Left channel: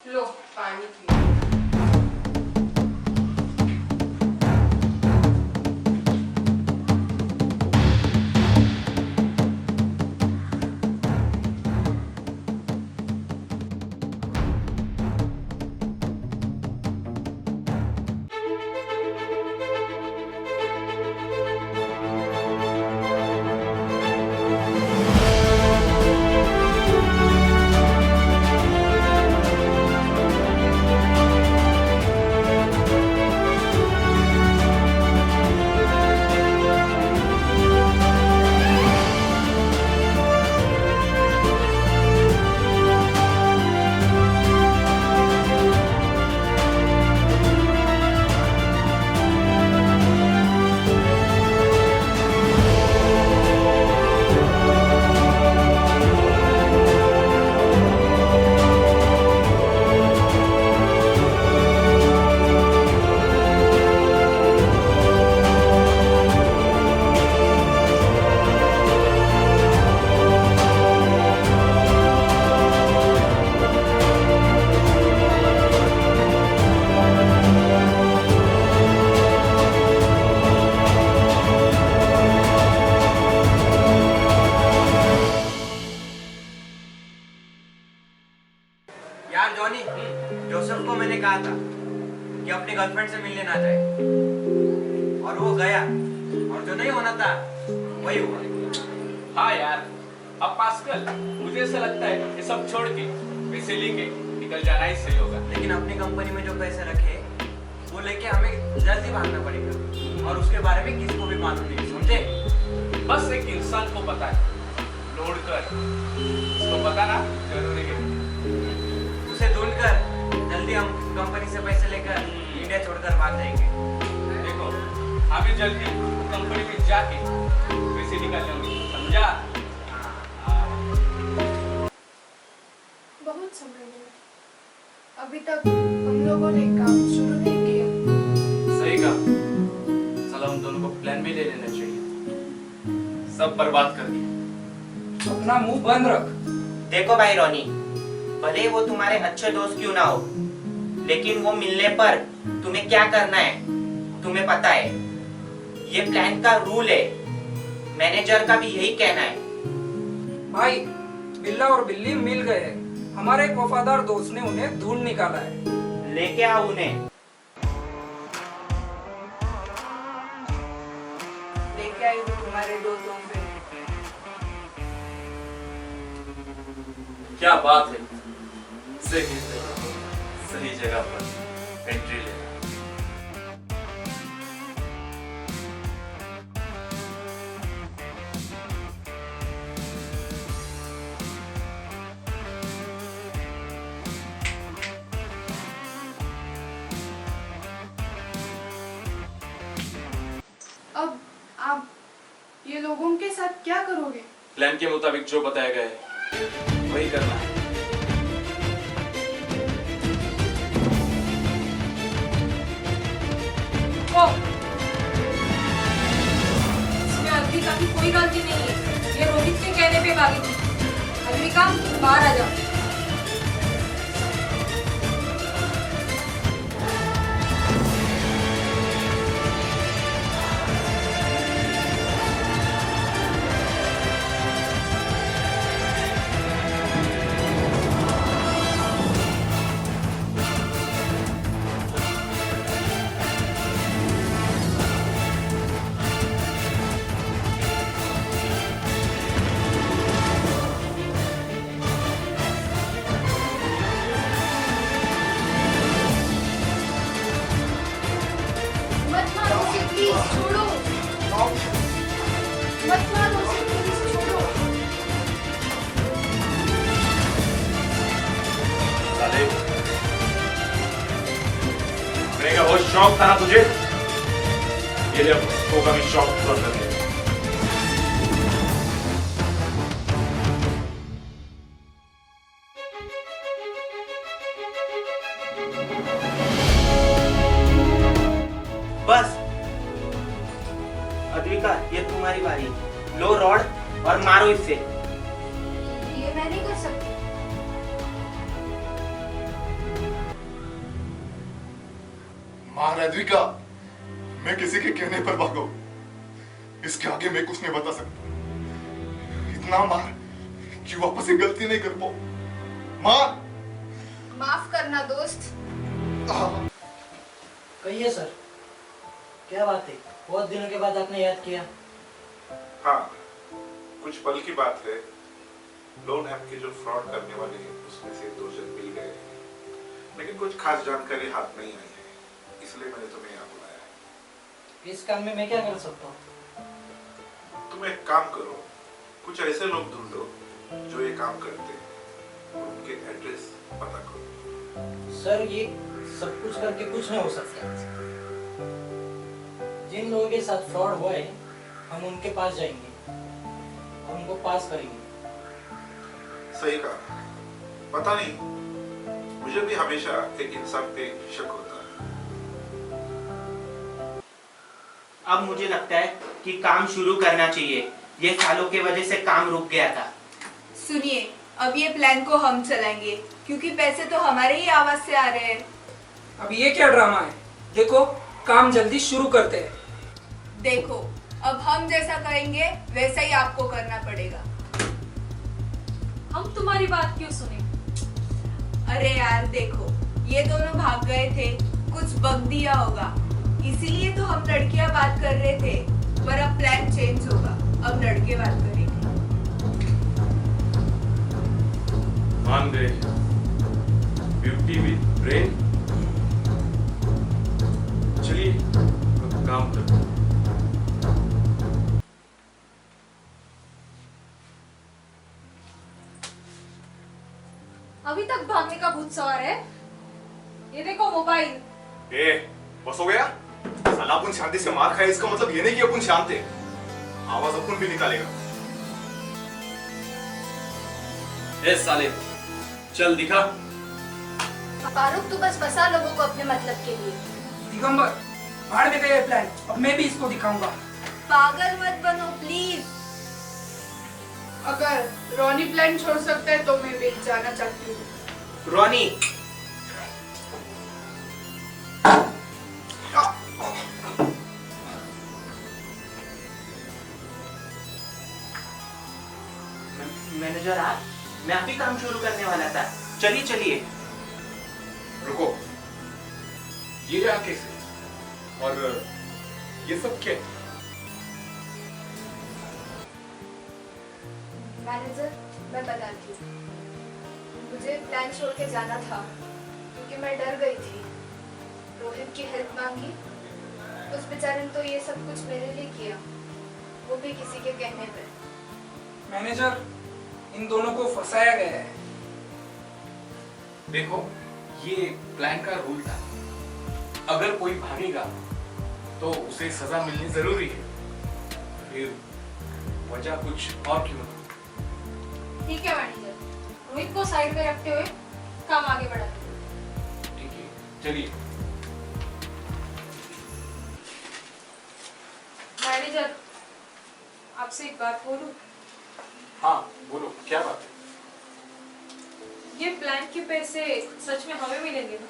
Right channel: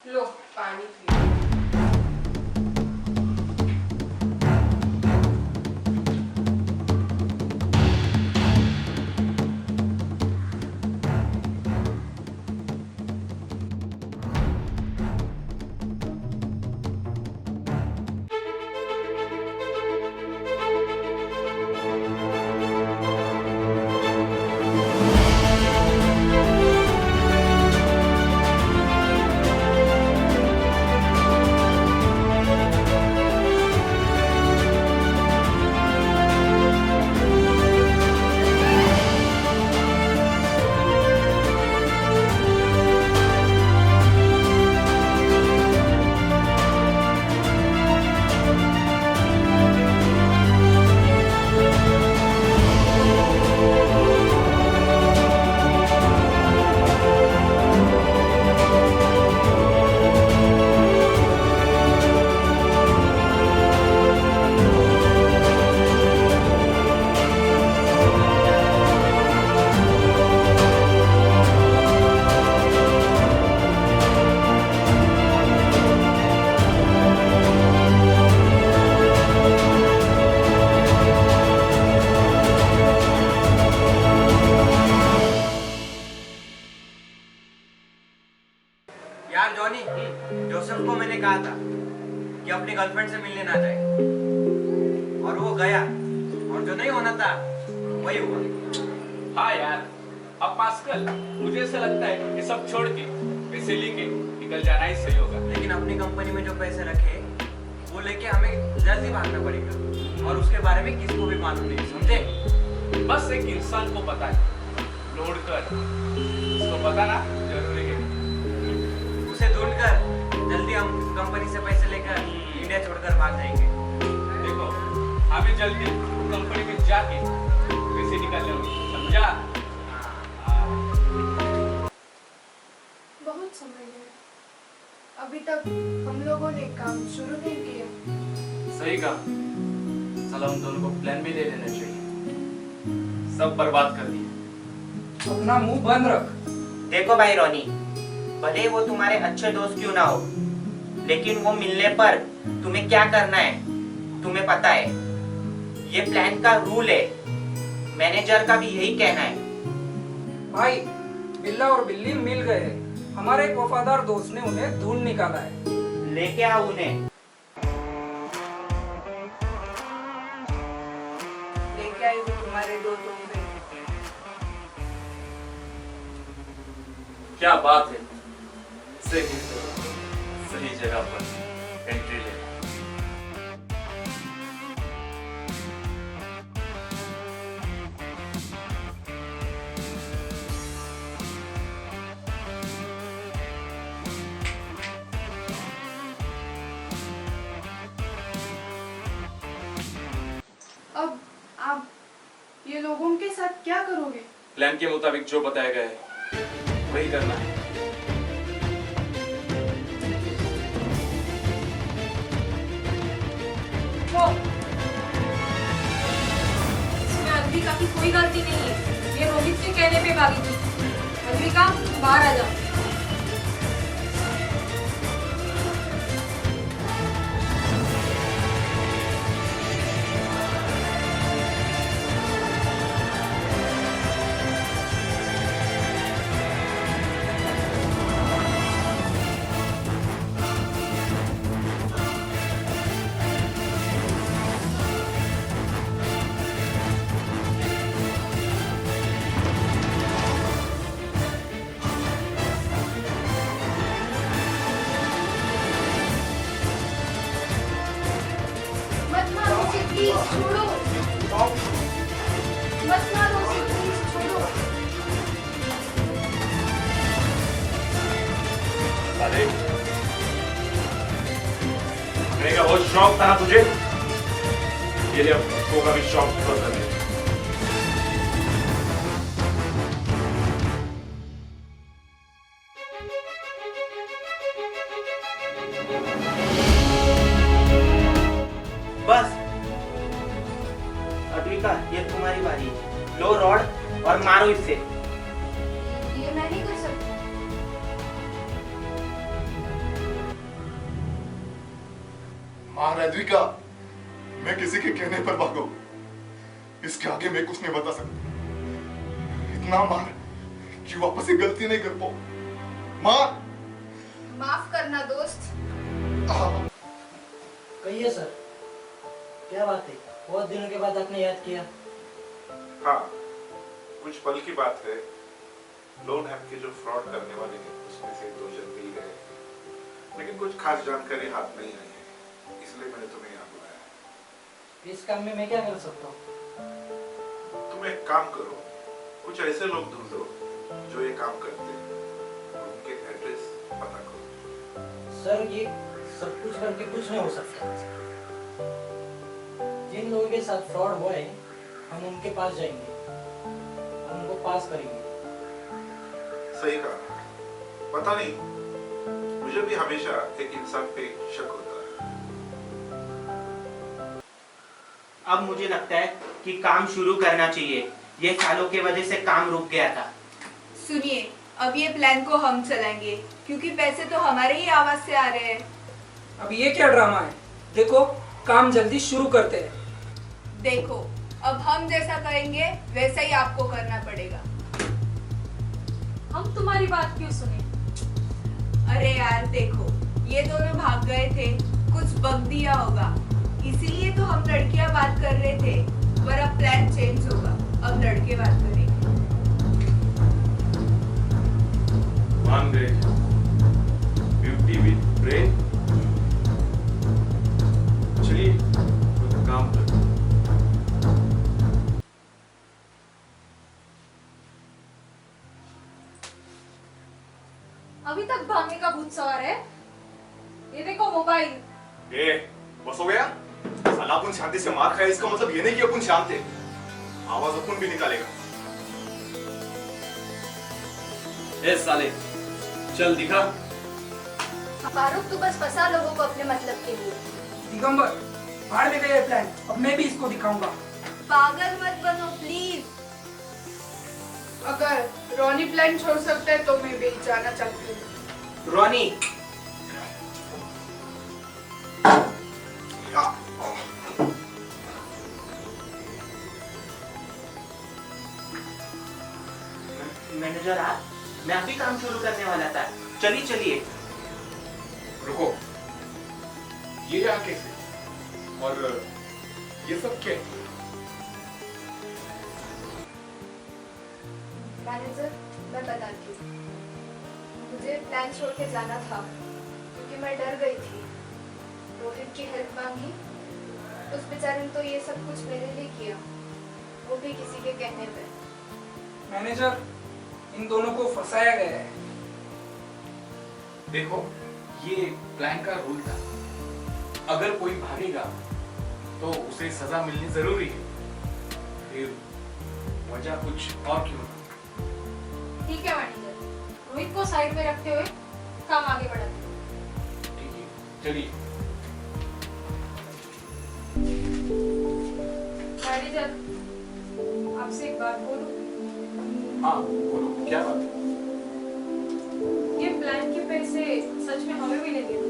लो पानी पियो। यार जॉनी, जोसेफ को मैंने कहा था कि अपनी गर्लफ्रेंड से मिलने ना जाए और वो गया, और जो नहीं होना था वही हुआ। हाँ यार, अब पास्कल मुझे ऐसा लगता है कि सब छोड़ के पैसे लेके निकल जाना ही सही होगा। लेकिन अपनी कंपनी में जो पैसे रखे वो लेके हमें जल्दी भागना पड़ेगा, और उसके बारे में किसी को भी मालूम नहीं, समझे? बस एक इंसान को पता है, ढूंढ कर उसको बताना जरूरी है। उसे ढूंढकर जल्दी हम कंपनी से पैसे लेकर इंडिया छोड़कर भाग जाएंगे। देखो, हमें जल्दी कंपनी में जाके पैसे निकालने होंगे, समझा? बहुत समय गया, अभी तक हम लोगों ने काम शुरू नहीं किया। सही कहा। साला उन दोनों को प्लान भी ले लेना चाहिए। सब बर्बाद कर दिया। अपना मुंह बंद रख। देखो भाई रोनी, भले वो तुम्हारे अच्छे दोस्त क्यों ना हो, लेकिन वो मिलने पर तुम्हें क्या करना है तुम्हें पता है। ये प्लान का रूल है, मैनेजर का भी यही कहना है। भाई, बिल्ला और बिल्ली मिल गए हैं। हमारे एक वफादार दोस्त ने उन्हें ढूंढ निकाला है। लेके आओ उन्हें। लेके आई हूँ तुम्हारे दो तोहफे। क्या बात है, सही सही जगह पर एंट्री लेना। अब आप ये लोगों के साथ क्या करोगे? प्लान के मुताबिक जो बताया गया है वही करना है। इसमें अद्विका की कोई गलती नहीं है, ये रोहित के कहने पे भागी थी। अद्विका, बाहर आ जा। मत मारो उसे, प्लीज छोड़ो। मत मारो उसे, प्लीज छोड़ो। साले, मैंने कहा बहुत शौक था ना तुझे, ये ले अब का भी शौक पूरा कर ले। बस अद्विका, ये तुम्हारी बारी। लो रॉड और मारो इसे। ये मैं नहीं कर सकती। मार अद्विका, मैं किसी के कहने पर भागो, इसके आगे मैं कुछ नहीं बता सकता। इतना मार कि वापस से गलती नहीं कर पाऊं। मार। माफ करना दोस्त। कहिए सर, क्या बात है? बहुत दिनों के बाद आपने याद किया। हाँ, कुछ पल की बात है। लोन ऐप के जो फ्रॉड करने वाले हैं उसमें से 2 जन मिल गए हैं, लेकिन कुछ खास जानकारी हाथ नहीं आई है, इसलिए मैंने तुम्हें यहाँ बुलाया है। इस काम में मैं क्या कर सकता हूँ? तुम एक काम करो, कुछ ऐसे लोग ढूंढो जो ये काम करते हैं और उनके एड्रेस पता करो। सर, ये सब कुछ करके कुछ नहीं हो सकता। जिन लोगों के साथ फ्रॉड हुआ है, हम उनके पास जाएंगे और उनको पास करेंगे। सही कहा। पता नहीं, मुझे भी हमेशा एक इंसान पे शक होता है। अब मुझे लगता है कि काम शुरू करना चाहिए। ये सालों के वजह से काम रुक गया था। सुनिए, अब ये प्लान को हम चलाएंगे क्योंकि पैसे तो हमारे ही आवाज से आ रहे हैं। अब ये क्या ड्रामा है? देखो, काम जल्दी शुरू करते हैं। देखो, अब हम जैसा करेंगे वैसा ही आपको करना पड़ेगा। हम तुम्हारी बात क्यों सुने? अरे यार देखो, ये दोनों भाग गए थे, कुछ बग दिया होगा, इसीलिए तो हम लड़कियां बात कर रहे थे। पर अब प्लान चेंज होगा, अब लड़के बात करेंगे। मान गए, ब्यूटी विद ब्रेन। चलिए अब काम करते हैं। अभी तक भागने का भूत सवार है। ये देखो मोबाइल। बस हो गया? साला अपन शांति से मार खाया, इसका मतलब ये नहीं कि अपन शांत है। आवाज अपन भी निकालेगा। ए साले, चल दिखा। फारूक, तू बस फंसा लोगों को अपने मतलब के लिए। दिगंबर, भाड़ में गए प्लान, अब मैं भी इसको दिखाऊंगा। पागल मत बनो प्लीज। अगर रोनी प्लान छोड़ सकता है तो मैं भी जाना चाहती हूँ। रोनी, मैनेजर आप, मैं अभी काम शुरू करने वाला था। चलिए चलिए। रुको, ये यहाँ कैसे? और ये सब क्या? मैनेजर, मैं बताती हूँ। मुझे प्लान छोड़ के जाना था क्योंकि मैं डर गई थी। रोहित की हेल्प मांगी, उस बेचारे ने तो ये सब कुछ मेरे लिए किया, वो भी किसी के कहने पे। मैनेजर, इन दोनों को फंसाया गया है। देखो, ये प्लान का रूल था। अगर कोई भागेगा तो उसे सजा मिलनी जरूरी है, फिर वजह कुछ और क्यों ना। ठीक है मैनेजर, रोहित को साइड में रखते हुए काम आगे बढ़ाते हैं। ठीक है, चलिए। मैनेजर, आपसे एक बात बोलूं? हाँ बोलो, क्या बात है? ये प्लान के पैसे सच में हमें मिलेंगे ना?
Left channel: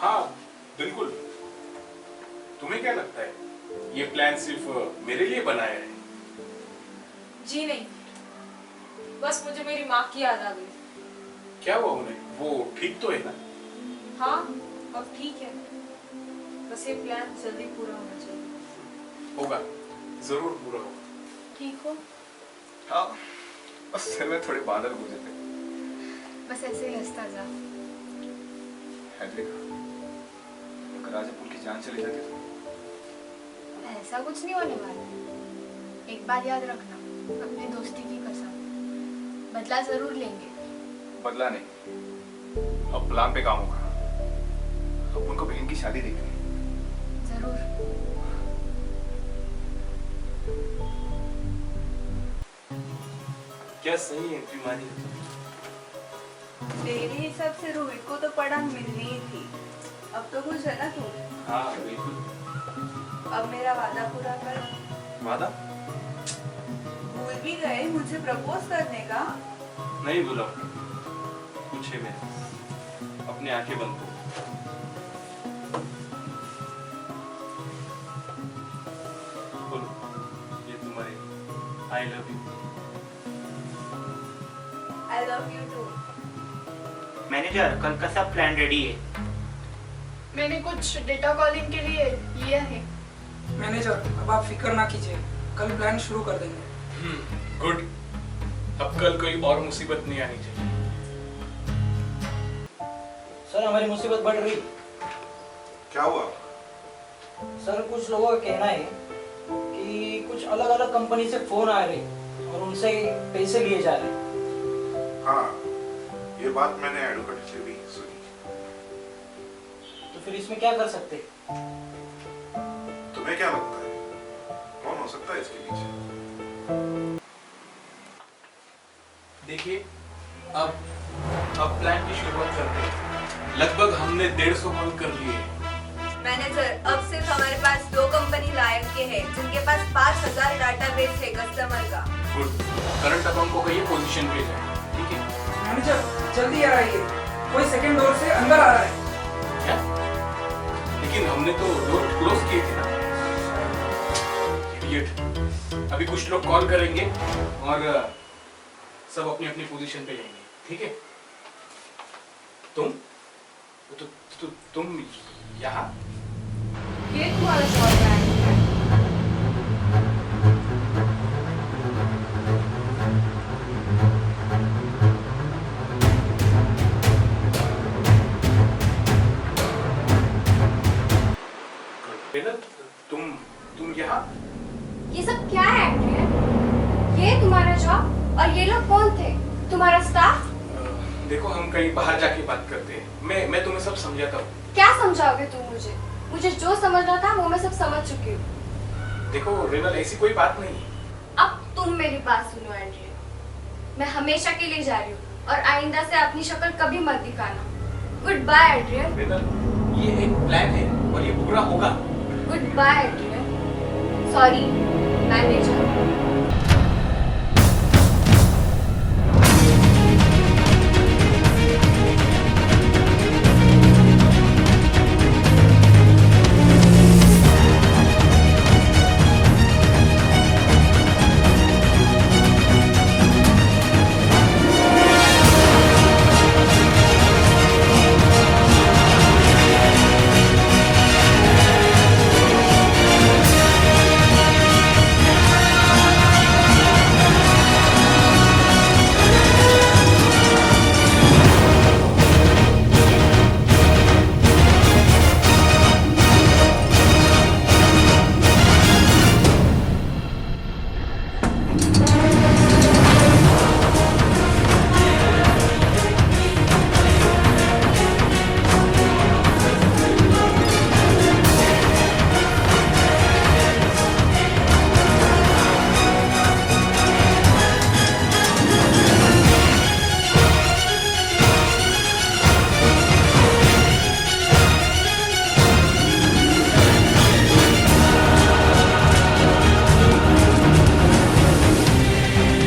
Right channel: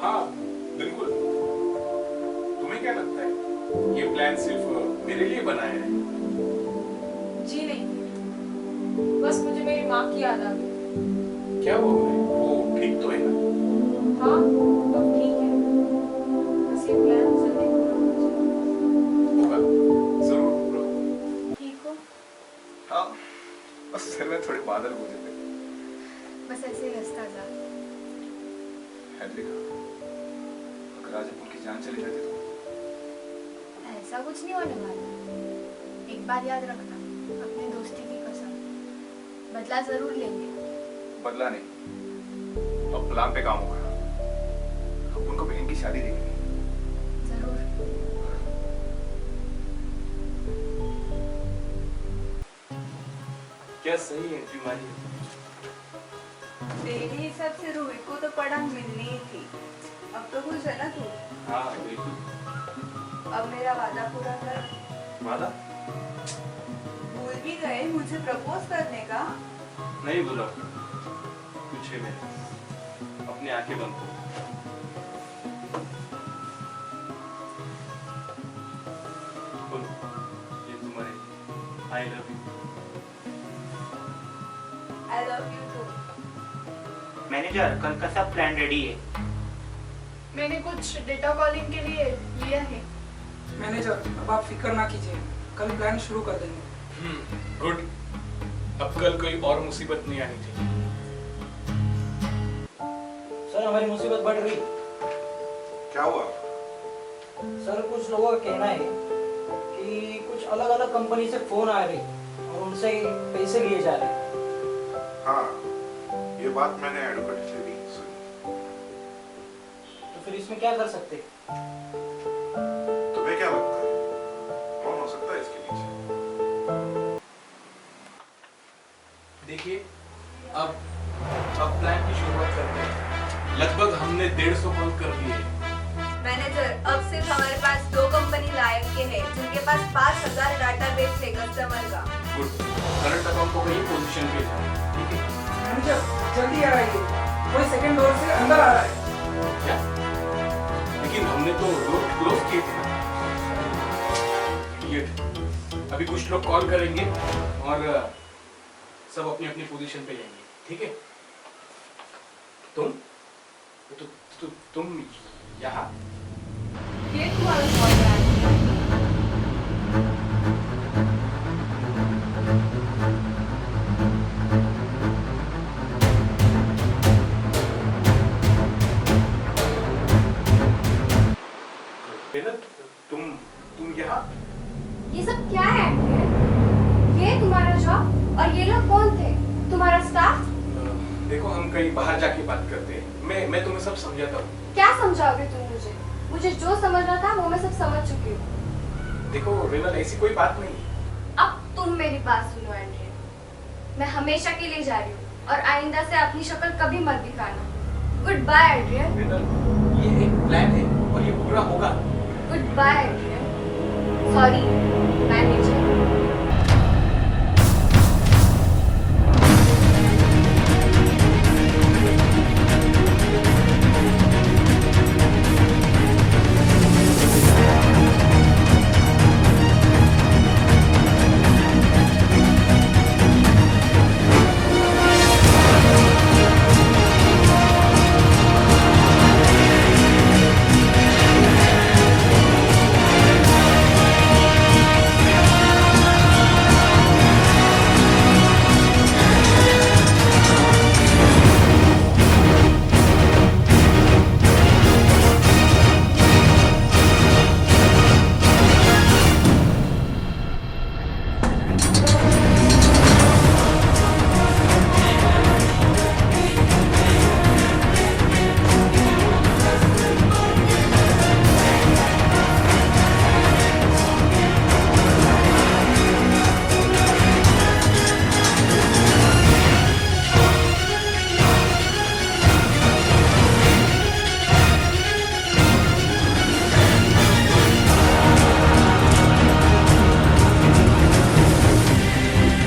हाँ बिल्कुल। तुम्हें क्या लगता है, ये प्लान सिर्फ मेरे लिए बनाया है? जी नहीं, बस मुझे मेरी माँ की याद आ गई। क्या हुआ उन्हें? वो ठीक तो है ना? हाँ, अब ठीक है। बस ये प्लान जल्दी पूरा होना चाहिए। होगा, जरूर पूरा होगा। ठीक हो? हाँ, बस सिर में थोड़े बादल गूंजे थे। बस ऐसे ही हंसता जा। अद्विका, अगर आज अपन की जान चली जाती तो? ऐसा कुछ नहीं होने वाला है। एक बार याद रखना, अपनी दोस्ती की कसम, बदला जरूर लेंगे। बदला नहीं, अब प्लान पे काम होगा। अब उनको बहन की शादी देखनी है। जरूर। क्या सही एंट्री मारी है? मेरे हिसाब से रोहित को तो पढ़ान मिलनी ही थी। अब तो खुश है ना तू? हाँ बिल्कुल। अब मेरा वादा पूरा कर। वादा? भूल भी गए मुझे प्रपोज करने का? नहीं भूला, कुछ है मेरे पास। अपनी आंखें बंद करो। मैनेजर कल का सब प्लान रेडी है। मैंने कुछ डेटा कॉलिंग के लिए लिया है। मैनेजर अब आप फिक्र ना कीजिए, कल प्लान शुरू कर देंगे। गुड। अब कल कोई और मुसीबत नहीं आनी चाहिए। सर हमारी मुसीबत बढ़ रही। क्या हुआ? सर कुछ लोगों का कहना है कि कुछ अलग अलग कंपनी से फोन आ रहे और उनसे पैसे लिए जा रहे। हाँ, ये बात मैंने एडवोकेट से भी सुनी। तो फिर इसमें क्या कर सकते? तुम्हें क्या लगता है कौन हो सकता है इसके पीछे? देखिए, अब प्लान की शुरुआत करते हैं। लगभग हमने 150 कॉल कर लिए हैं। मैनेजर अब सिर्फ हमारे पास 2 कंपनी लायक के हैं जिनके पास 5000 डाटाबेस है कस्टमर का। गुड। करंट अकाउंट को कहिए पोजीशन पे जाए, ठीक है? मैनेजर जल्दी आ रही है, कोई सेकंड डोर से अंदर आ रहा है। क्या? लेकिन हमने तो डोर क्लोज किए थे ना। Idiot। अभी कुछ लोग कॉल करेंगे और सब अपनी अपनी पोजीशन पे जाएंगे, ठीक है? तुम यहाँ? ये तुम्हारा शॉर्ट है। तुम यहाँ? ये सब क्या है एंड्रिया? ये तुम्हारा जॉब और ये लोग कौन थे? तुम्हारा स्टाफ? देखो हम कहीं बाहर जाके बात करते हैं। मैं तुम्हें सब समझाता हूँ। क्या समझाओगे तुम मुझे? मुझे जो समझना था वो मैं सब समझ चुकी हूँ। देखो रेनल, ऐसी कोई बात नहीं है। अब तुम मेरी बात सुनो एंड्रिया, मैं हमेशा के लिए जा रही हूँ और आइंदा से अपनी शक्ल कभी मत दिखाना। Good bye Andrea. रेनल, ये एक प्लान है और ये पूरा होगा। Goodbye Andrea. Sorry manager.